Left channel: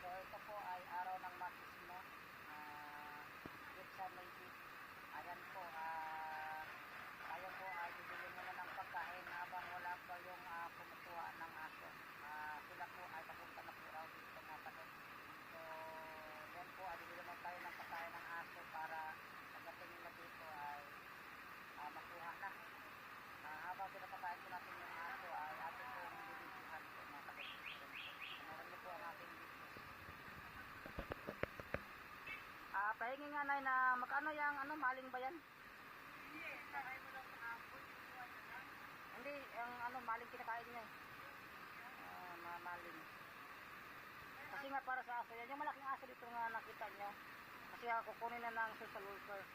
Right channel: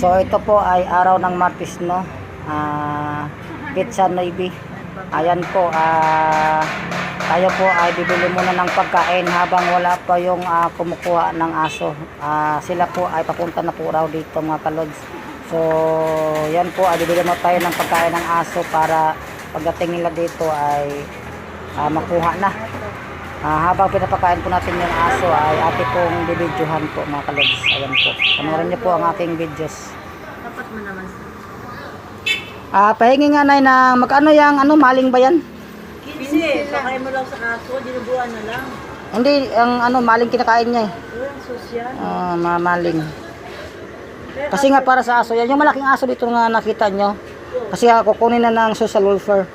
So ito po ay araw ng Martes, no? Pizza Navy. Ayan po, tayo po ay bibili muna ng pagkain habang wala pa yung kumukuha ng aso. Sila po ay papunta na po raw dito, mga kalods. So yan po, ay bibili mo tayo ng pagkain ng aso para pagdating nila dito ay makuha na. Habang pinapakain po natin yung aso ay ate pong bibidyohan po, mga kalods. Ayan po, panoorin niyo po ang aking videos. Dapat mo naman sa Pahingi nga nay na magkano yung maling ba yan? 15, pakain mo lang sa aso, dinubuan na lang. Hindi, ang maling kinakain niya eh. Sosyal. Mamaling. Kasi nga para sa aso yan, yung malaking aso dito nga nakita nyo. Kasi kukunin na ng social welfare.